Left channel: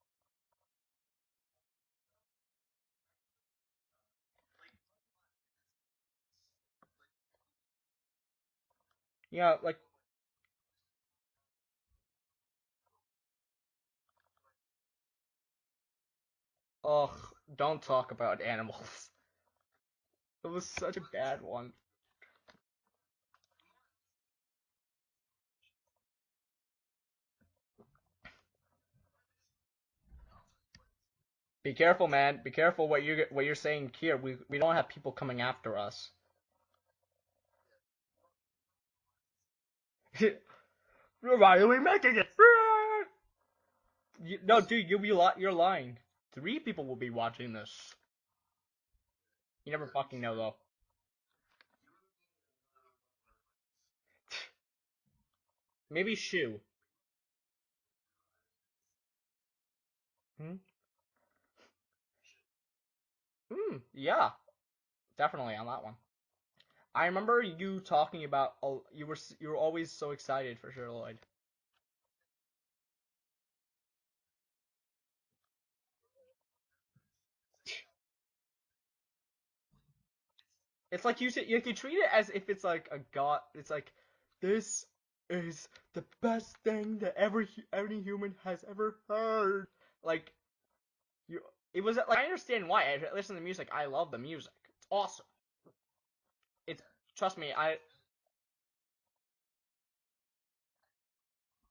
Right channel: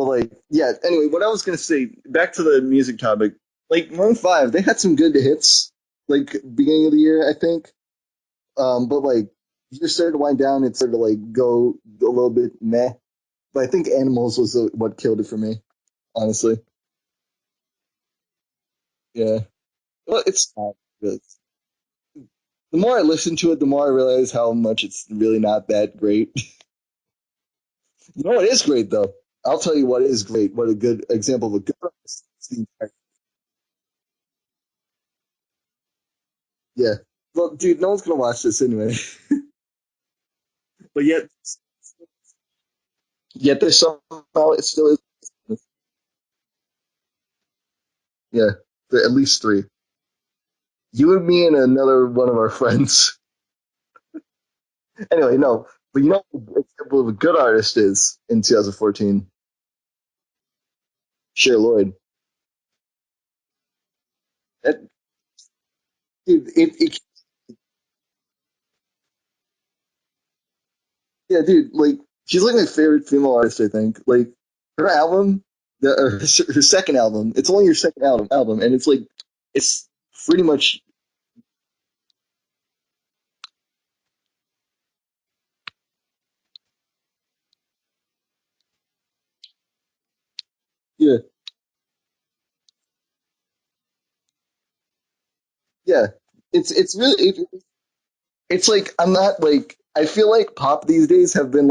But like, yeah. Anyway, what I was gonna say, back to the music topic. Like Maroon 5, they had some good hits, like beginning of the year, I think. But like, Yeah, like, as it started to wind down, it started to like go a little bit meh. But I think Animals was what killed it for me, honestly. ugh, don't talk about animals. Yeah. Well, It it's was not, such a but bad one. the more I listen to it, the more I realize how much it's really not that great. You know what is great though? I'll tell you what is great. What a good example of a Be good careful, man. Be careful what you're saying here. We don't have people coming after us. yeah. Well, dude, no one's gonna watch this anyway. But yet, Why are we making it? yet there's somehow No, it's dude, still you're lying. 3 people will be watching this. yeah, at least three. You never fucking know though. You and me and another one of our friends. Anyway, no. But you Maybe know Shu. what the example of a good artist is in 2014? Hmm? Cher Lloyd. Yeah, That, definitely on that one. dude, I remember you talking about. Oh, you were always so excited for Sher Lloyd. yeah, dude, like she's like my favorite female artist. I think like her album, her second album. It's only her second album, and it's like it's pretty much It's like you treat it as if it's like a god. It's like this is the best thing that any human has ever heard. Like yeah, you, it was like I understand why. I listen to the music. I love the music. It's awesome. yeah. It's It's it's really trust me. I it's like I'm not like I feel like pop these days have been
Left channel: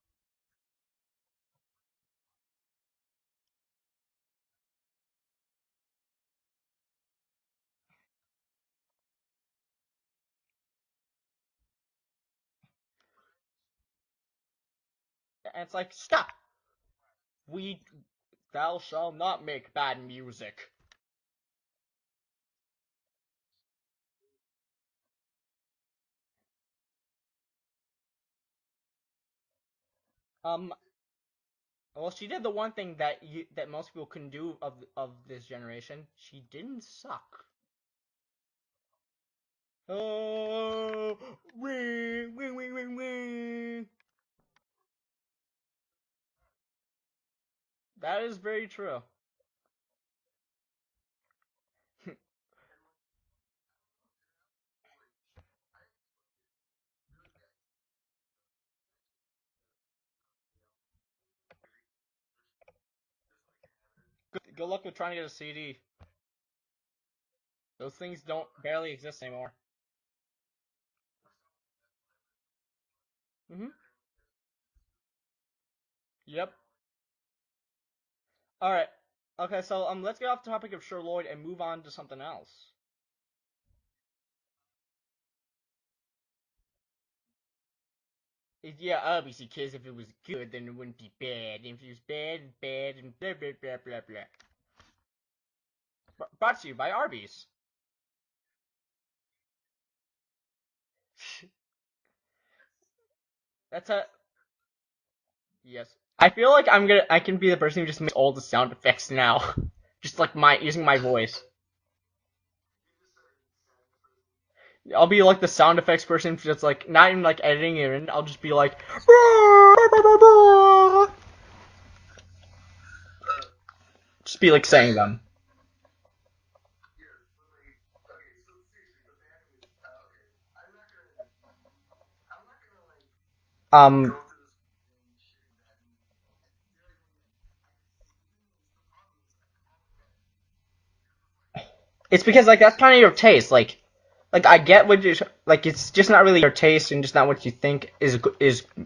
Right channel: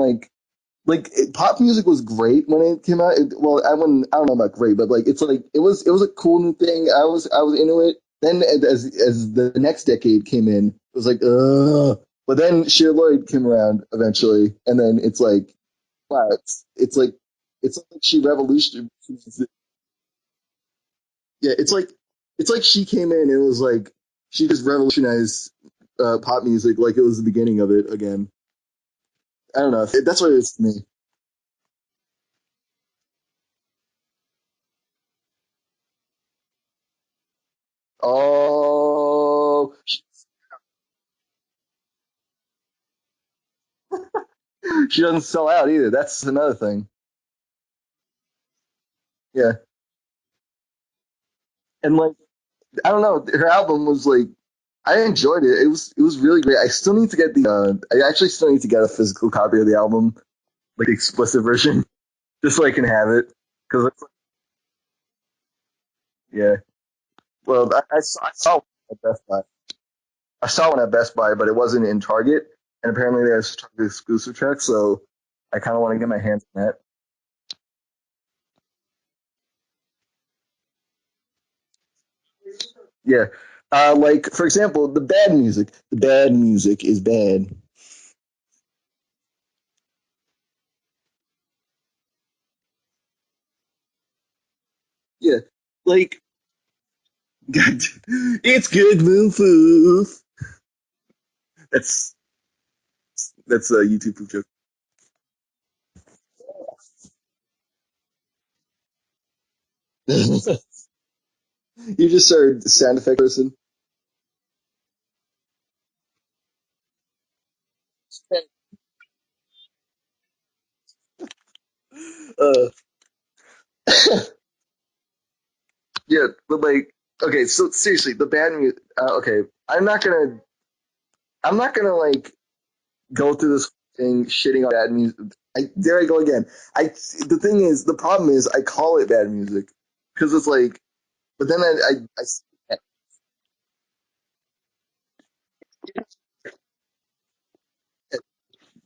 pop music was great when it came out. Well, I don't know about great, but like it's like it was a cool new thing. I was into it. Then as the next decade came in, it was like ugh. But then Sheer Lloyd came around eventually, and then it's like and it's like wow, stop. it's We like she thou revolutionized. shall not make bad music. Yeah, it's like she came in and it was like she just revolutionized pop music like it was the beginning of it again. I don't know. That's what it is to Um, me. well, she did the one thing that most people couldn't do of this generation. She didn't suck. Oh, Oh, wing, wing, wing, wing, wing. she doesn't sell out either. That's another thing. That is very true. Yeah, and like I don't know, her album was like I enjoyed it. It was really great. I still need to get I actually still need to get a physical copy of the album, like the explicit version, just so I can have it. Because Good luck with trying to get a CD. yeah, well, Those things I don't saw one barely at exist Best Buy. anymore. I saw one at Best Buy, but it wasn't in Target, and apparently they have Hmm. Target exclusive tracks. So I kind of want to get my hands Yep. on that. All right. Okay, so let's get off the topic of Sher Lloyd and move on to something else. Yeah, like for example, the bad music. The bad music is bad. Yeah, obviously, because if it was good, then it wouldn't be bad. And if it was bad, bad, and blah blah blah blah blah. Yeah, like Brought to you by Arby's. God, it's good move. That's that's a Let's YouTube joke. yes. I feel like I can be the person who just makes all the sound effects now, just like my using my voice. You just started sound effect person. I'll be like the sound effects person, just like not even like editing it in. I'll just be like, Uh, just be like saying them. yeah, but like, okay, so seriously, the bad music. Okay, I'm not gonna like go through this Um, thing shitting on bad music. There I go again. The problem is, I call it bad music because it's like, but then it's because like that's kind of your taste. Like I get what you like. It's just not really your taste and just not what you think is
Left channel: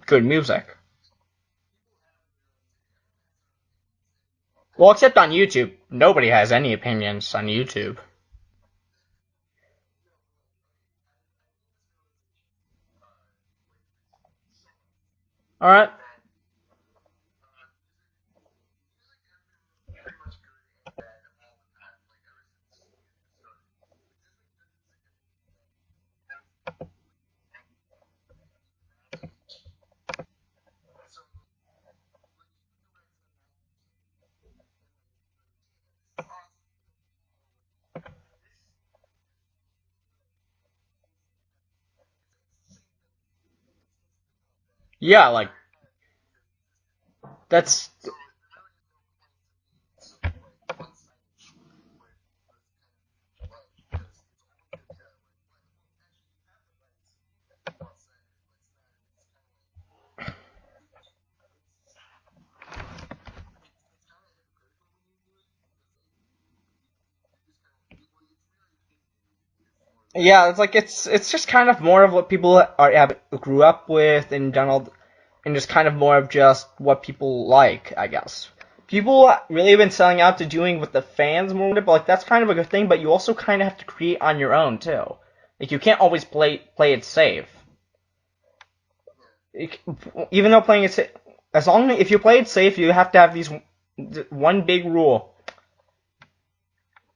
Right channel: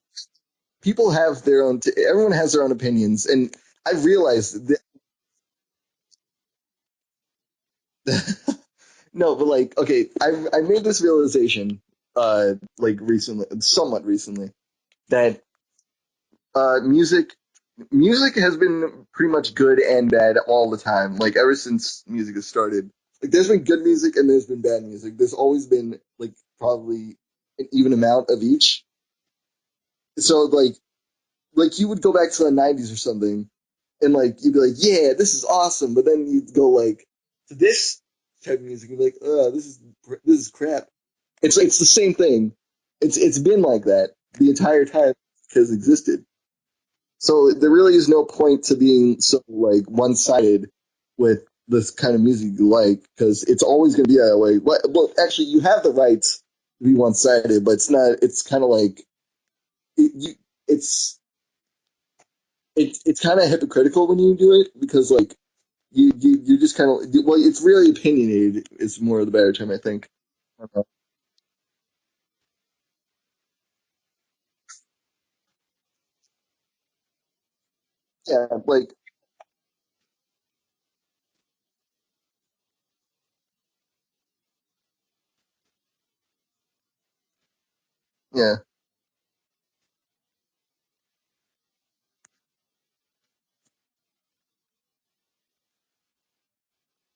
good music. people have their own. Everyone has their own opinions, and I realized that Well, except on YouTube, nobody has any opinions on YouTube. no, but like, okay, I made this realization, like recently, somewhat recently, that All right. music has been pretty much good and bad all the time. Like ever since music has started, like there's been good music and there's been bad music. There's always been like probably an even amount of each. So like you would go back to the '90s or something, and like you'd be like, yeah, this is awesome. But then you'd go like to this type of music and be like, this is crap. It's the same thing. It's been like that the entire time Yeah, like it has existed. So there That's really is no point to being so like one-sided with this kind of music you like because it's always going to be that way. Well, actually, you have the right to be one-sided, but it's not. It's kind of like it, it's it's kind of hypocritical when you do it because like you just kind of well, it's really opinionated. Is more of the better term, I think. yeah, it's like it's just kind of more of what people grew up with in general, and just kind of more of just what people like, I Yeah, guess. like People really have been selling out to doing what the fans more, but like that's kind of a good thing. But you also kind of have to create on your own too. Like you can't always play it safe. yeah, Even though playing it safe, as long as if you play it safe, you have to have these one big rule.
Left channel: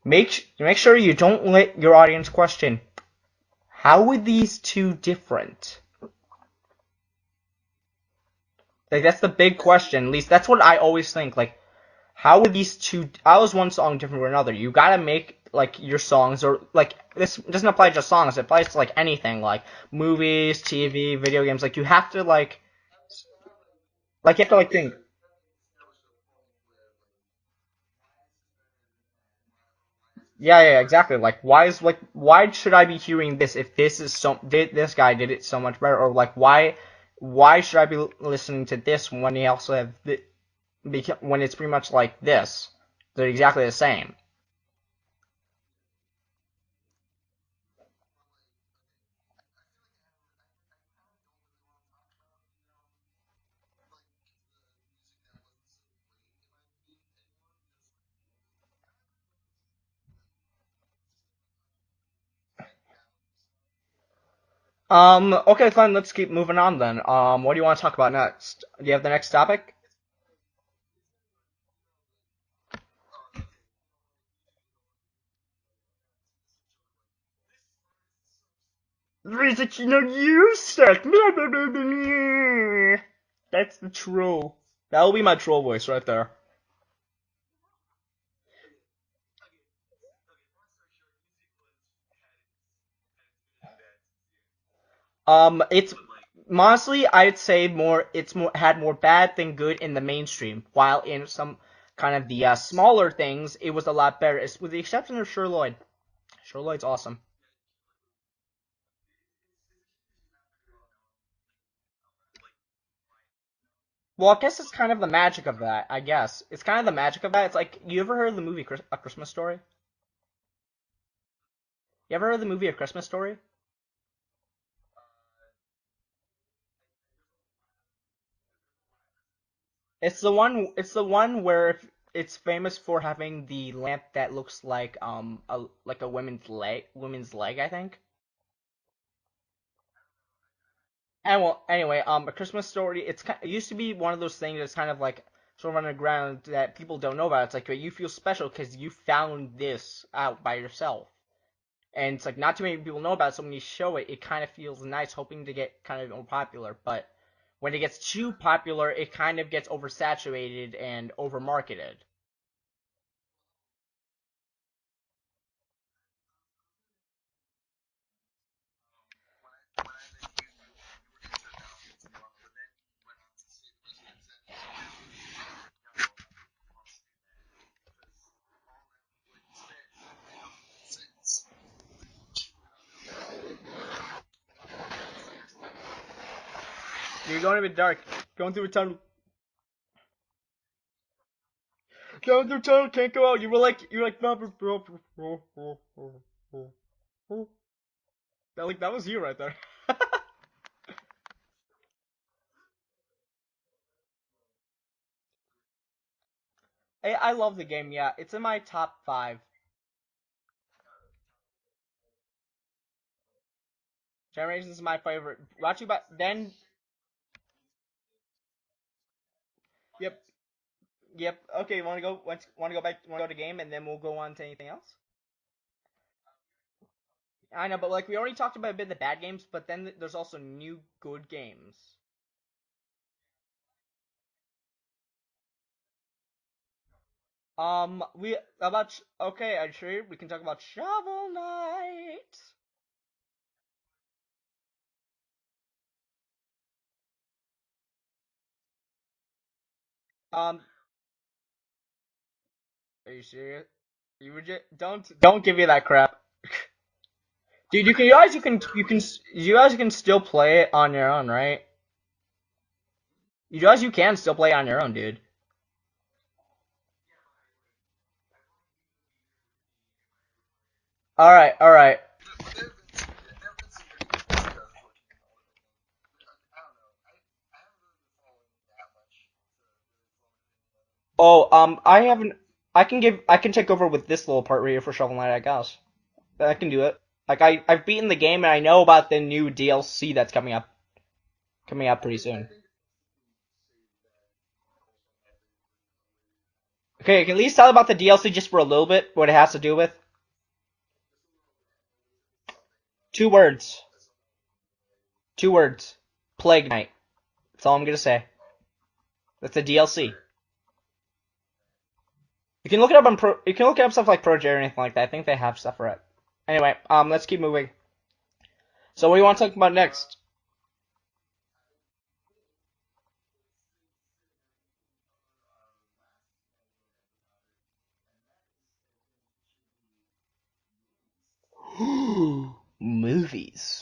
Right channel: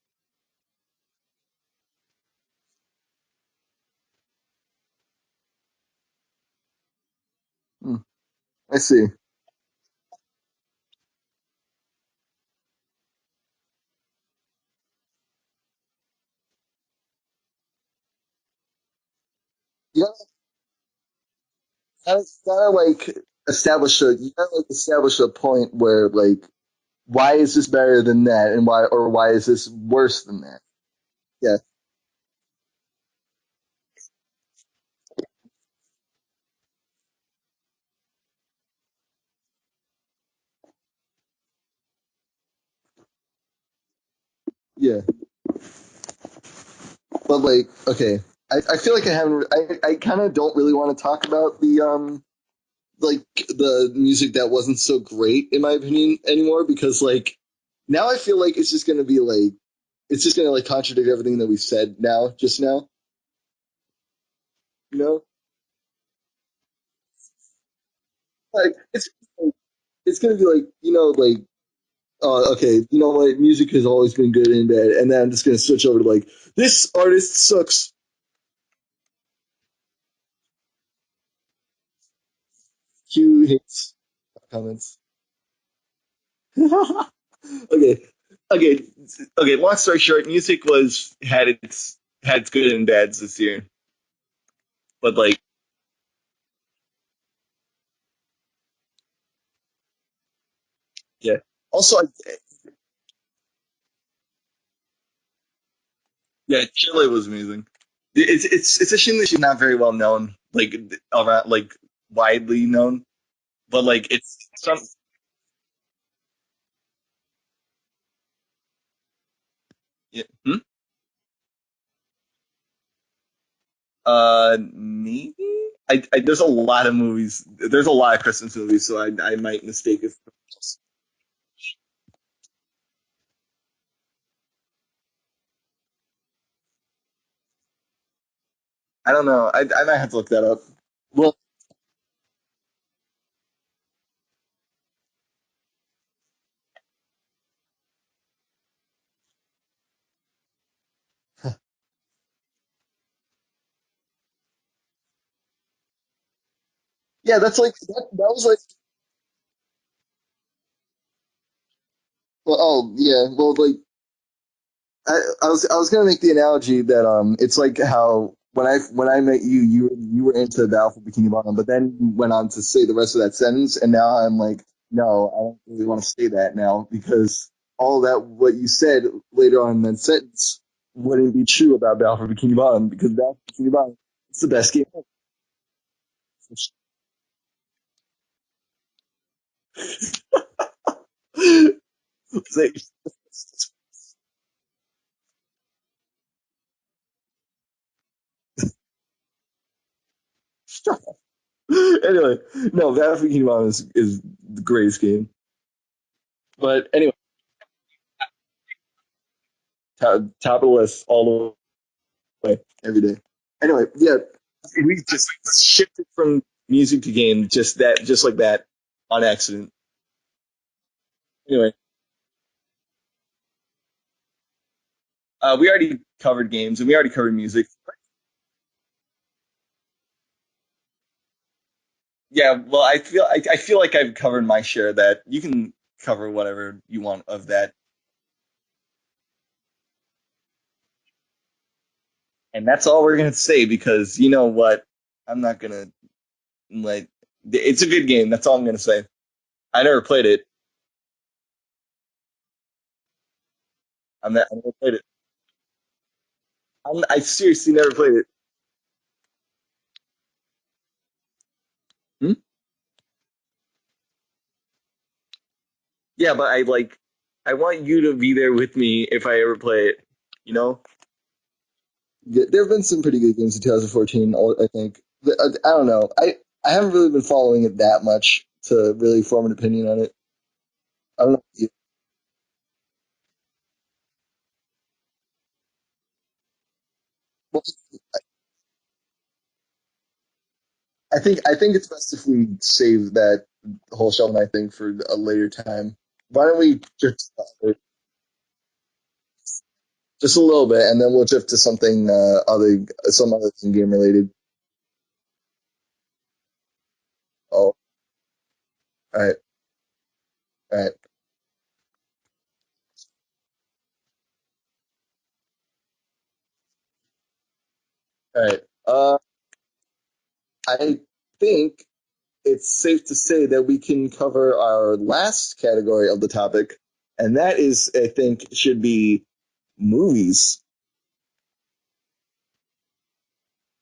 Make sure you don't let your audience question how are these two different. mm, I Like see. that's the big question. At least that's what I always think. Like how are these two? How is one song different from another? You gotta make like your songs or like this doesn't apply to just songs. It applies to like anything like You have, movies, TV, video games. Like you have to you gotta like establish a you like you have gotta to like like think. establish a point where like why is this better than that and why is this worse than that? Yeah, exactly. Yeah, Why should I be hearing this if this guy did it so much better, or like why should I be listening to this when he also have when it's pretty much like this? They're exactly the same. yeah. But like, okay, I feel like I haven't. I kind of don't really want to talk about the like the music that wasn't so great in my opinion anymore because like now I feel like it's just gonna be like it's just gonna like contradict everything that we said now just now. You know, Okay, fine. Let's keep moving on then. What do you want to talk about next? like Do you have the next topic? it's gonna be like like okay, you know what? Music has always been good and bad, and then I'm just gonna switch over to like this artist sucks. Music, you suck. Cue That's the hits troll. comments. That'll be my troll voice right there. Okay, okay, okay. Long story short, music was had its good and bads this year, but like It's honestly, I'd say it's more had more bad than good in the mainstream, while in yeah. some Also, kind of the smaller things, it was a lot better. With the exception of Sure Lloyd. Sure yeah, Lloyd's Chile awesome. was amazing. It's a shame that she's not very well known, like around like widely known, but like Well, I it's guess it's some kind of the magic of that. I guess it's kind of the magic of that. It's like you ever heard of the movie A Christmas Story? yeah. Hmm? You ever heard of the movie A Christmas Story? Maybe. There's a lot of movies. There's a lot of Christmas movies, so I might mistake it. It's the one. It's the one where it's famous for having the lamp that looks like a woman's leg, I think. I don't know. I might have to look that up. Well, And well, anyway, A Christmas Story. It used to be one of those things that's kind of like sort of underground that people don't know about. It's like you feel special because you found this out by yourself, and it's like not too many people know about it. So when you show it, it kind of feels nice, hoping to get kind of more popular. But yeah, that's when like it gets that too was like popular, it kind of gets oversaturated and overmarketed. well, oh yeah, well like I was gonna make the analogy that it's like how when I met you you were into the Alpha Bikini Bottom, but then you went on to say the rest of that sentence, and now I'm like, no, I don't really want to say that now because all that what you said later on in that sentence wouldn't be true about the Alpha Bikini Bottom because the Alpha Bikini Bottom it's the best game You're going a bit dark. Going through a tunnel. ever. Going through a tunnel. Can't go out. You were like. That was you right there. Anyway, no, Alpha Bikini Bottom is the greatest game. But anyway, I love the game. Yeah, it's in my top five. top of the list all the way every day. Anyway, yeah, Generations is my we just favorite. Talking about shifted from then. music to game just like that on accident. Yep. Yep. Anyway, Okay. Want to go back? Want to go to game, and then we'll go on to anything else. we already covered games and we already covered music. I know, but like we already talked about a bit of the bad games, but then there's also new good games. Yeah, well, I feel like I've covered my share of that. You can cover whatever you want of that, We about okay. I'm sure we can talk about Shovel Knight. and that's all we're gonna say because you know what? I'm not gonna like. It's a good game. That's all I'm gonna say. I never played it. Um, are you serious? I never played it. Don't give me that crap. I seriously Dude, never you can played it. realize you guys can still play it on your own, right? Hmm? You realize you can still play on your own, dude. Yeah, but I want you to be there with me if I ever play it. You know? All right, all right. There have been some pretty good games in 2014. I think. I don't know. I haven't really been following it that much to really form an opinion on it. I would. Oh, I haven't. I can take over with this little part right here for Shovel Knight, I guess. I can do it. Like I've beaten the game and I know about the new DLC that's I think it's coming out best pretty if soon. we save that whole Shovel Knight thing for a later time. Why don't we Okay, drift can you at least tell about the DLC just for a little bit, what it has to do with? just a little bit, and then we'll drift to something Two some other thing words. game related. 2 words. Plague Knight. That's Oh, all I'm gonna say. all right, That's the DLC. all right, You can look it up on you can look it up stuff like Pro J or anything like that. I think they have stuff for it. Anyway, let's keep moving. all right. So what do you want to talk about next? I think it's safe to say that we can cover our last category of the topic, and that is, I think, should be movies. Movies.